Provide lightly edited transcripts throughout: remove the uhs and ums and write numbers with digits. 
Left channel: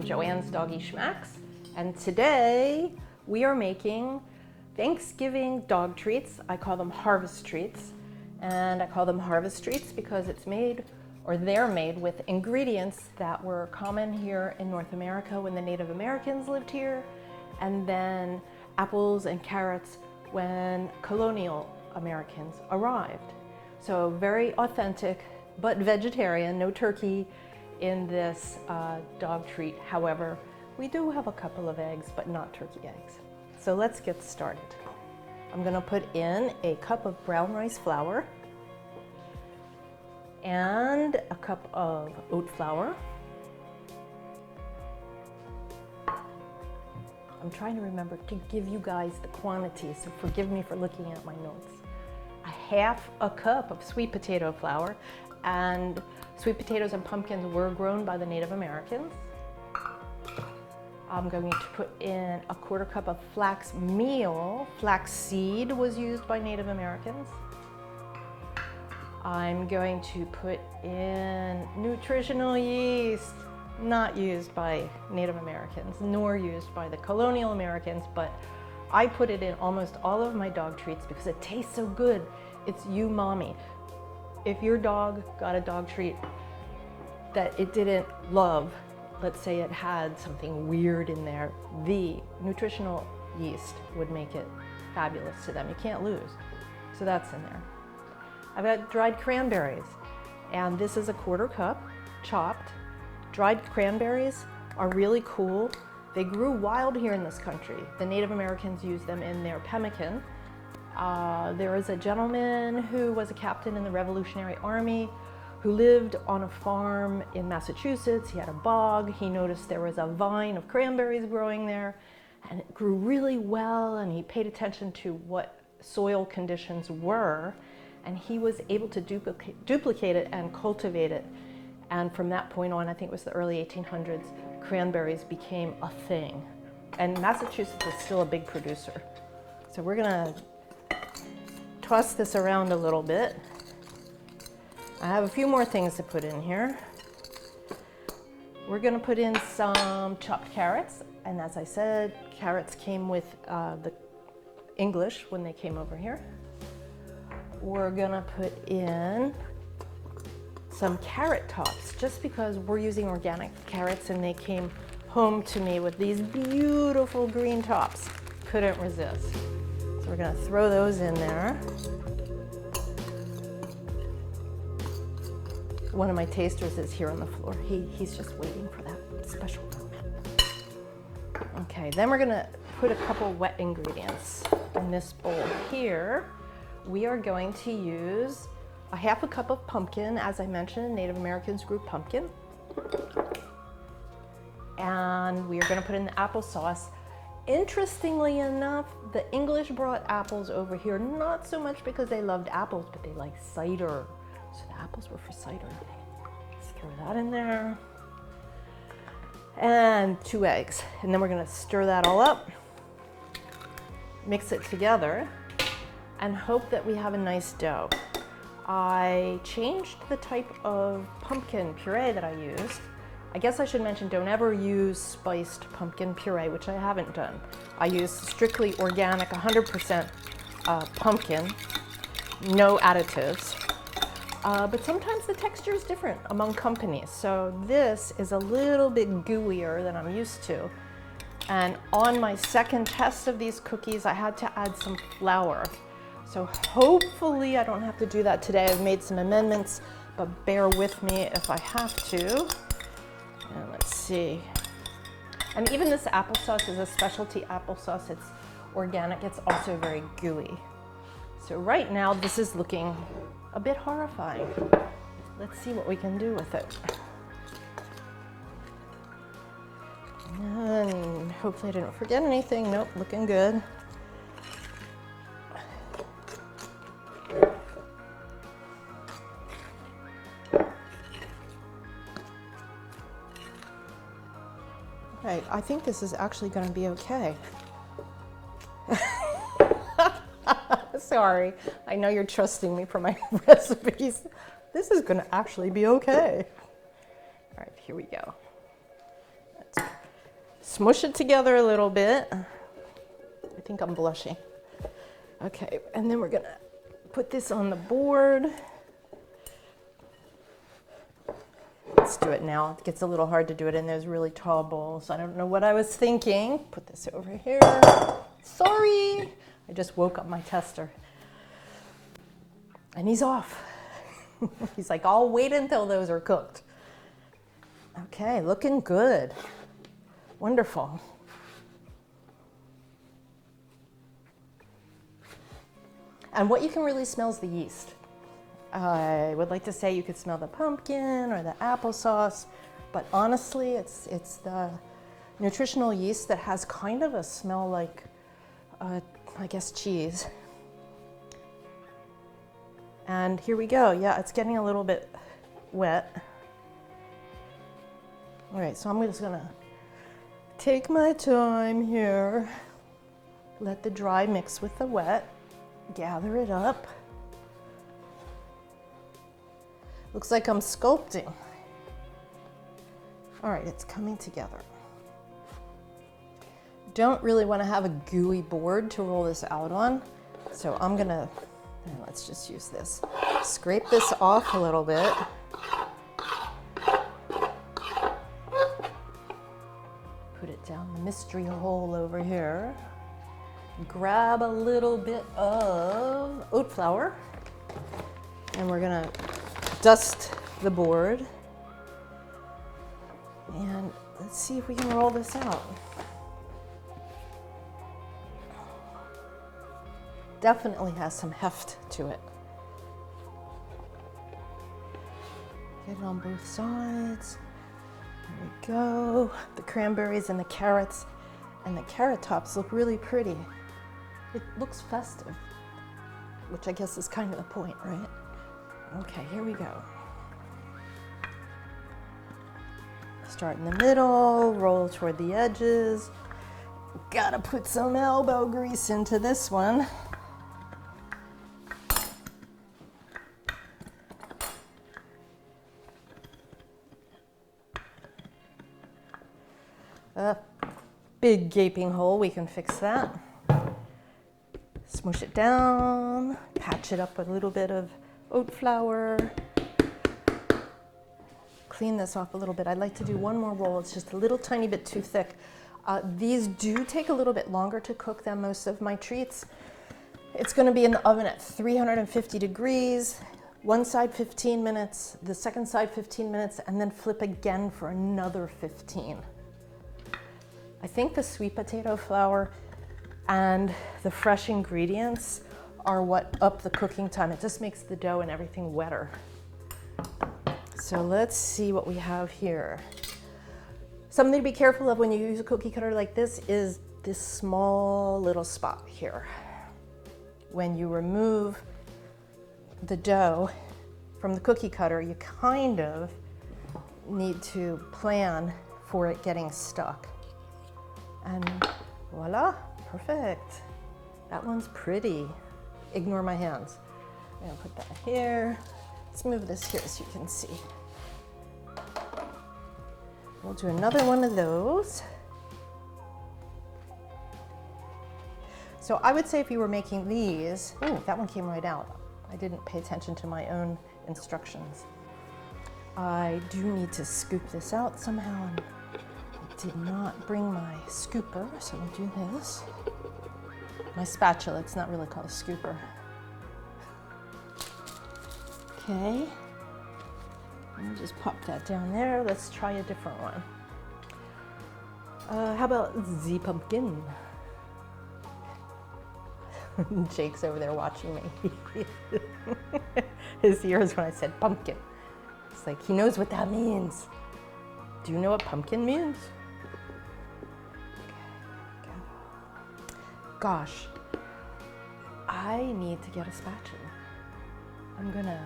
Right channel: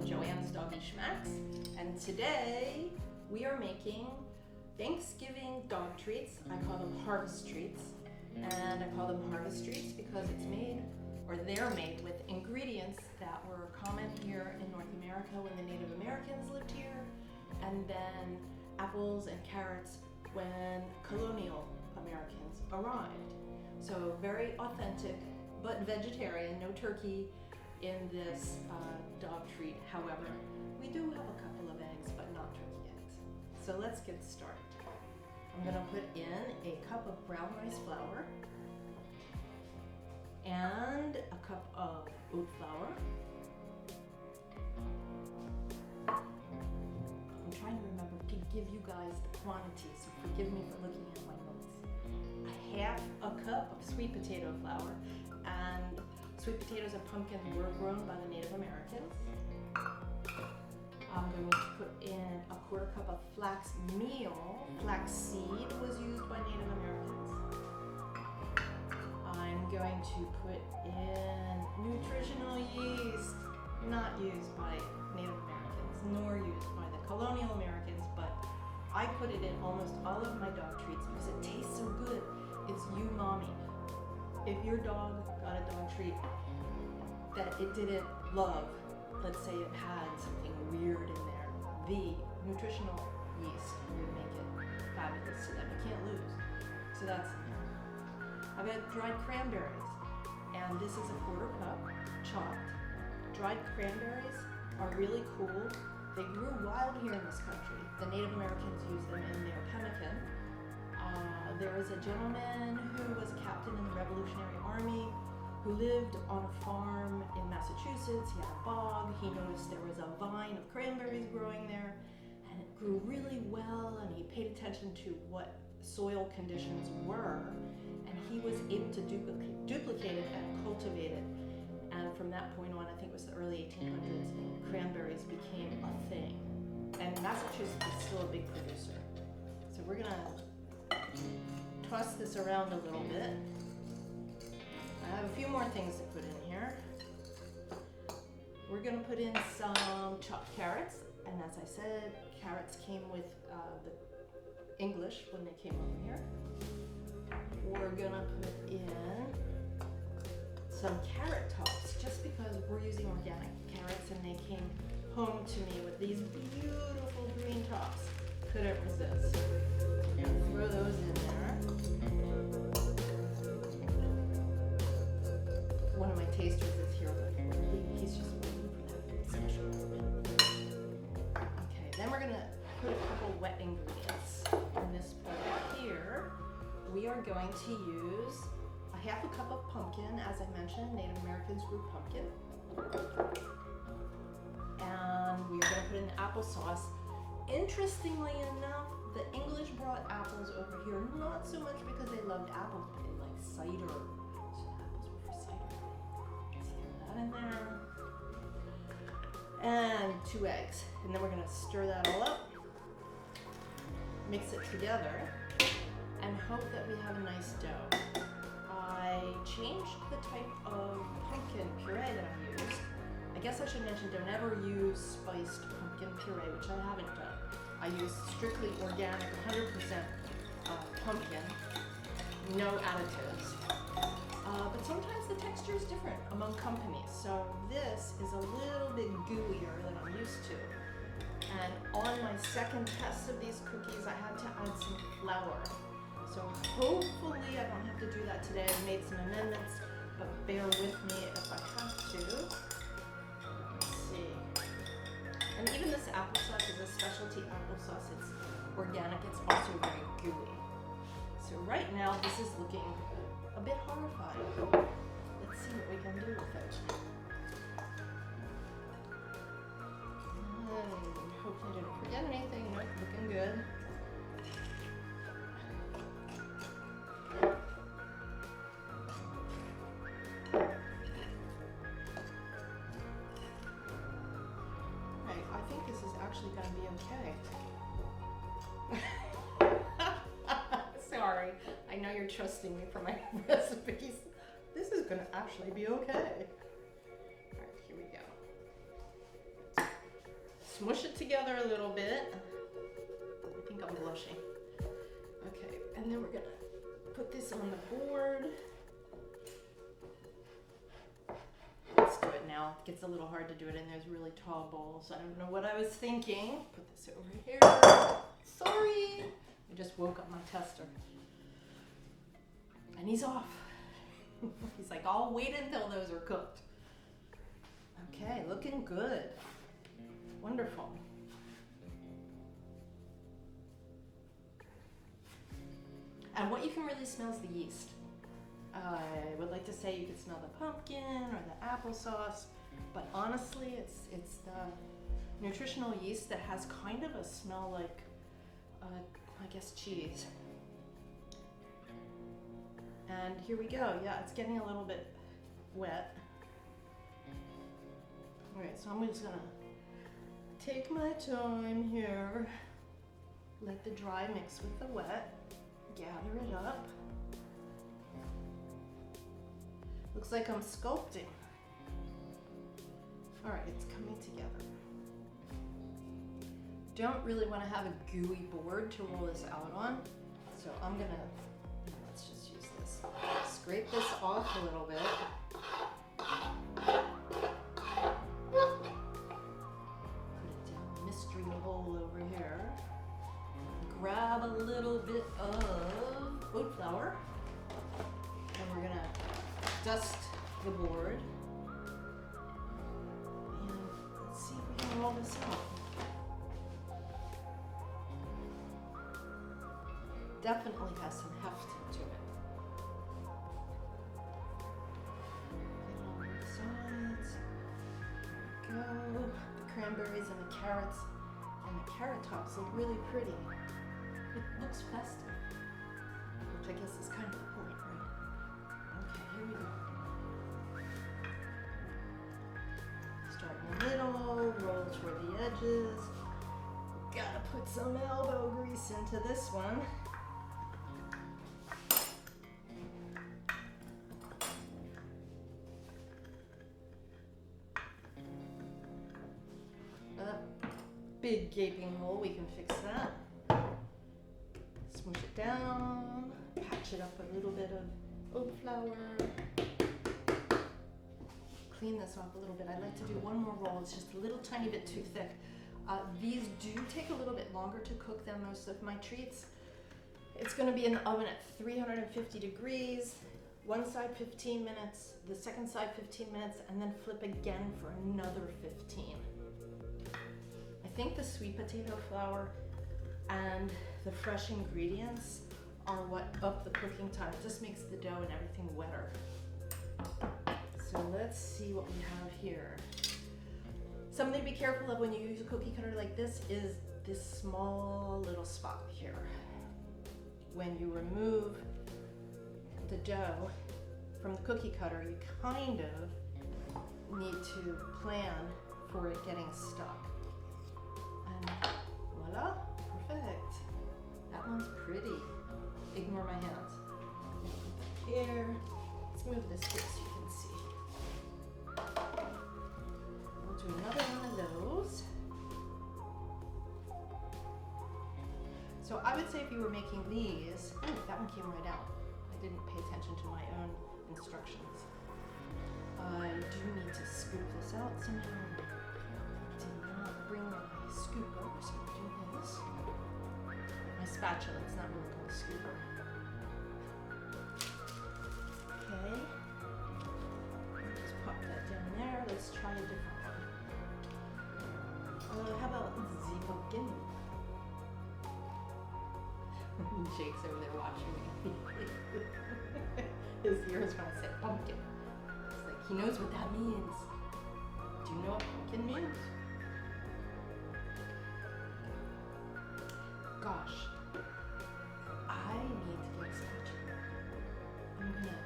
from Joanne's Doggy Schmacks, and today we are making Thanksgiving dog treats. I call them harvest treats, and I call them harvest treats because it's made, or they're made with ingredients that were common here in North America when the Native Americans lived here, and then apples and carrots when colonial Americans arrived. So very authentic, but vegetarian, no turkey in this dog treat. However, we do have a couple of eggs, but not turkey eggs. So let's get started. I'm gonna put in a cup of brown rice flour and a cup of oat flour. I'm trying to remember to give you guys the quantity, so forgive me for looking at my notes. A half a cup of sweet potato flour, and sweet potatoes and pumpkins were grown by the Native Americans. I'm going to put in a quarter cup of flax meal. Flax seed was used by Native Americans. I'm going to put in nutritional yeast, not used by Native Americans, nor used by the colonial Americans, but I put it in almost all of my dog treats because it tastes so good. It's umami. If your dog got a dog treat that it didn't love, let's say it had something weird in there, the nutritional yeast would make it fabulous to them. You can't lose. So that's in there. I've got dried cranberries, and this is a quarter cup, chopped. Dried cranberries are really cool. They grew wild here in this country. The Native Americans used them in their pemmican. There was a gentleman who was a captain in the Revolutionary Army who lived on a farm in Massachusetts. He had a bog. He noticed there was a vine of cranberries growing there, and it grew really well, and he paid attention to what soil conditions were, and he was able to duplicate it and cultivate it. And from that point on, I think it was the early 1800s, cranberries became a thing. And Massachusetts is still a big producer. So we're gonna toss this around a little bit. I have a few more things to put in here. We're gonna put in some chopped carrots. And as I said, carrots came with the English when they came over here. We're gonna put in some carrot tops, just because we're using organic carrots and they came home to me with these beautiful green tops. Couldn't resist. So we're gonna throw those in there. One of my tasters is here on the floor. He's just waiting for that special moment. Okay, then we're gonna put a couple wet ingredients in this bowl here. We are going to use a half a cup of pumpkin. As I mentioned, Native Americans grew pumpkin. And we are gonna put in the applesauce. Interestingly enough, the English brought apples over here, not so much because they loved apples, but they liked cider. So the apples were for cider. Let's throw that in there. And 2 eggs. And then we're gonna stir that all up, mix it together, and hope that we have a nice dough. I changed the type of pumpkin puree that I used. I guess I should mention, don't ever use spiced pumpkin puree, which I haven't done. I use strictly organic, 100% pumpkin, no additives. But sometimes the texture is different among companies. So this is a little bit gooier than I'm used to. And on my second test of these cookies, I had to add some flour. So hopefully I don't have to do that today. I've made some amendments, but bear with me if I have to. And let's see. And even this applesauce is a specialty applesauce. It's organic. It's also very gooey. So right now this is looking a bit horrifying. Let's see what we can do with it. And hopefully I didn't forget anything. Nope, looking good. Right, I think this is actually going to be okay. Sorry, I know you're trusting me for my recipes. This is going to actually be okay. All right, here we go. Let's smush it together a little bit. I think I'm blushing. Okay, and then we're gonna put this on the board. Let's do it now. It gets a little hard to do it in those really tall bowls. I don't know what I was thinking. Put this over here. Sorry, I just woke up my tester. And he's off. He's like, I'll wait until those are cooked. Okay, looking good. Wonderful. And what you can really smell is the yeast. I would like to say you could smell the pumpkin or the applesauce, but honestly, it's the nutritional yeast that has kind of a smell like, I guess, cheese. And here we go. Yeah, it's getting a little bit wet. All right, so I'm just gonna take my time here, let the dry mix with the wet, gather it up. Looks like I'm sculpting. All right, it's coming together. Don't really want to have a gooey board to roll this out on, so I'm gonna, let's just use this. Scrape this off a little bit. Put it down the mystery hole over here. Grab a little bit of oat flour, and we're gonna dust the board. And let's see if we can roll this out. Definitely has some heft to it. Get it on both sides. There we go. The cranberries and the carrots and the carrot tops look really pretty. It looks festive, which I guess is kind of the point, right? Okay, here we go. Start in the middle, roll toward the edges. Gotta put some elbow grease into this one. A big gaping hole, we can fix that. Smoosh it down, patch it up with a little bit of oat flour. Clean this off a little bit. I'd like to do one more roll. It's just a little tiny bit too thick. These do take a little bit longer to cook than most of my treats. It's going to be in the oven at 350 degrees, one side 15 minutes, the second side 15 minutes, and then flip again for another 15. I think the sweet potato flour and the fresh ingredients are what up the cooking time. It just makes the dough and everything wetter. So let's see what we have here. Something to be careful of when you use a cookie cutter like this is this small little spot here. When you remove the dough from the cookie cutter, you kind of need to plan for it getting stuck. And voila, perfect. That one's pretty. Ignore my hands. I'm gonna put that here. Let's move this here so you can see. We'll do another one of those. So I would say if you were making these, ooh, that one came right out. I didn't pay attention to my own instructions. I do need to scoop this out somehow. And I did not bring my scooper, so we'll do this. My spatula, it's not really called a scooper. Okay, and just pop that down there. Let's try a different one. How about the pumpkin? Jake's over there watching me. His ears when I said pumpkin. It's like he knows what that means. Do you know what pumpkin means? Gosh, I need to get a spatula. I'm gonna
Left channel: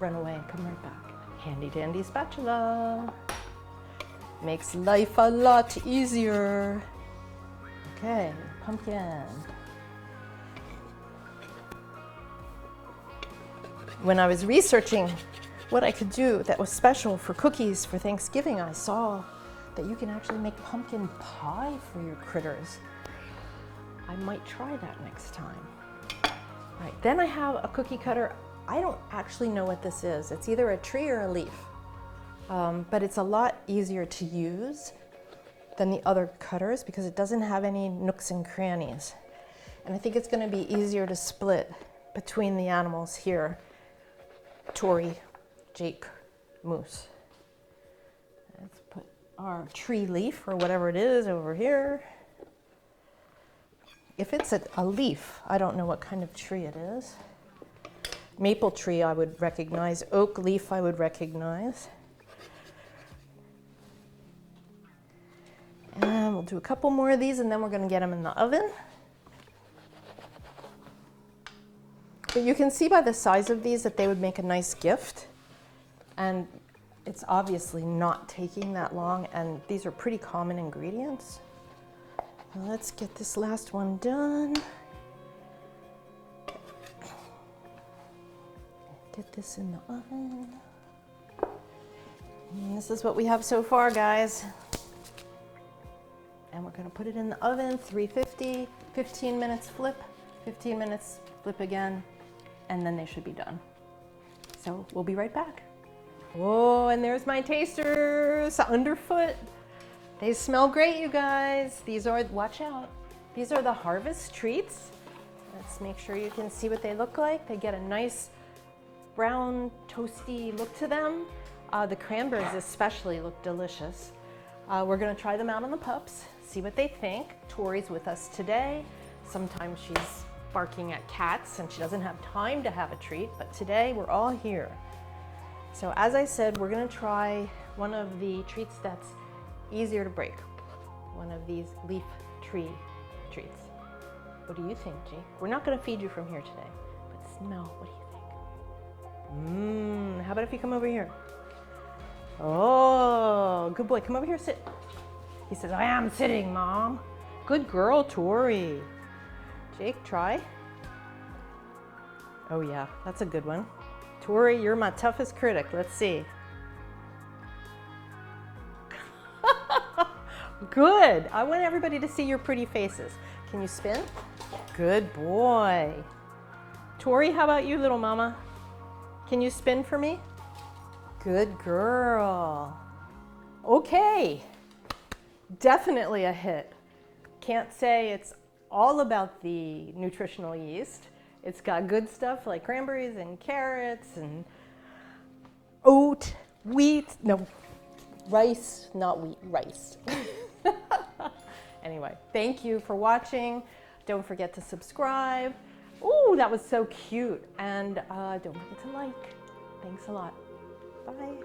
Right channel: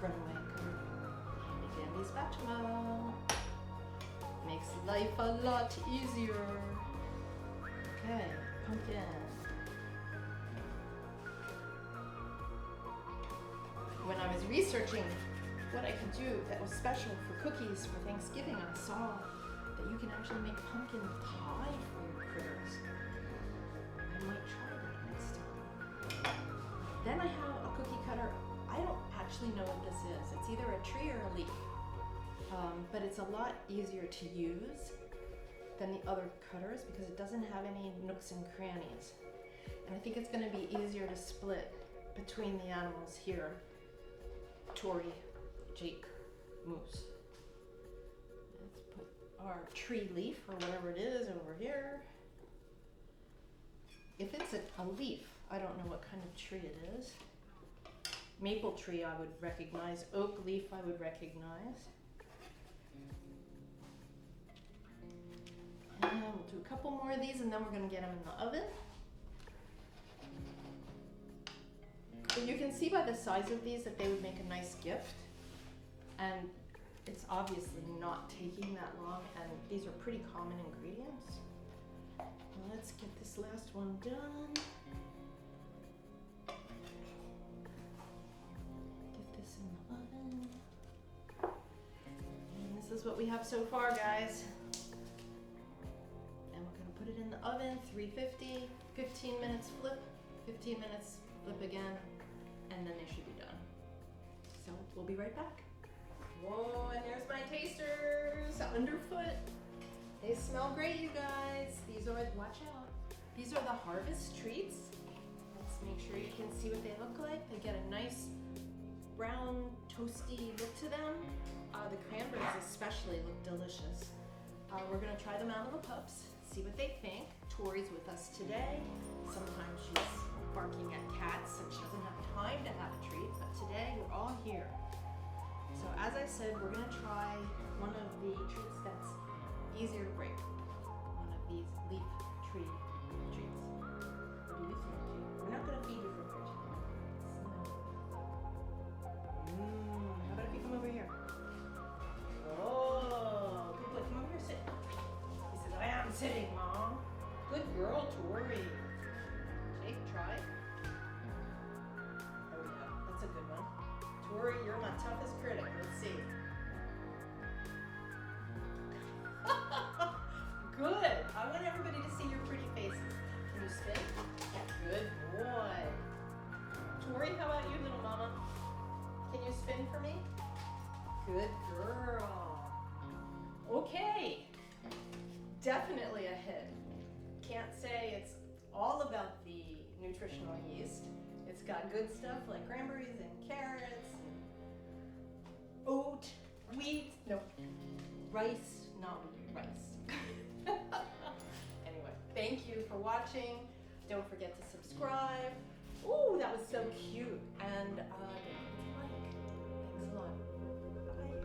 run away and come right back. Handy dandy spatula. Makes life a lot easier. Okay, pumpkin. When I was researching what I could do that was special for cookies for Thanksgiving, I saw that you can actually make pumpkin pie for your critters. I might try that next time. All right, then I have a cookie cutter. I don't actually know what this is. It's either a tree or a leaf, but it's a lot easier to use than the other cutters because it doesn't have any nooks and crannies. And I think it's going to be easier to split between the animals here. Tori, Jake, Moose. Let's put our tree leaf or whatever it is over here. If it's a leaf, I don't know what kind of tree it is. Maple tree I would recognize. Oak leaf I would recognize. And we'll do a couple more of these and then we're going to get them in the oven. But you can see by the size of these that they would make a nice gift. And it's obviously not taking that long, and these are pretty common ingredients. Now let's get this last one done. Get this in the oven. And this is what we have so far, guys. And we're going to put it in the oven, 350, 15 minutes flip, 15 minutes flip again, and then they should be done. So we'll be right back. Whoa, and there's my tasters underfoot. They smell great, you guys. These are, watch out, these are the harvest treats. Let's make sure you can see what they look like. They get a nice brown, toasty look to them. The cranberries especially look delicious. We're gonna try them out on the pups, see what they think. Tori's with us today. Sometimes she's barking at cats and she doesn't have time to have a treat, but today we're all here. So as I said, we're gonna try one of the treats that's easier to break. One of these leaf tree treats. What do you think, Jake? We're not gonna feed you from here today, but smell, what do you think? How about if you come over here? Oh, good boy, come over here, sit. He says, I am sitting, Mom. Good girl, Tori. Jake, try. Oh yeah, that's a good one. Tori, you're my toughest critic. Let's see. Good. I want everybody to see your pretty faces. Can you spin? Good boy. Tori, how about you, little mama? Can you spin for me? Good girl. Okay. Definitely a hit. Can't say it's all about the nutritional yeast. It's got good stuff like cranberries and carrots and oat, wheat, no, rice, not wheat, rice. Anyway, thank you for watching. Don't forget to subscribe. Ooh, that was so cute. And don't forget to like. Thanks a lot. Bye.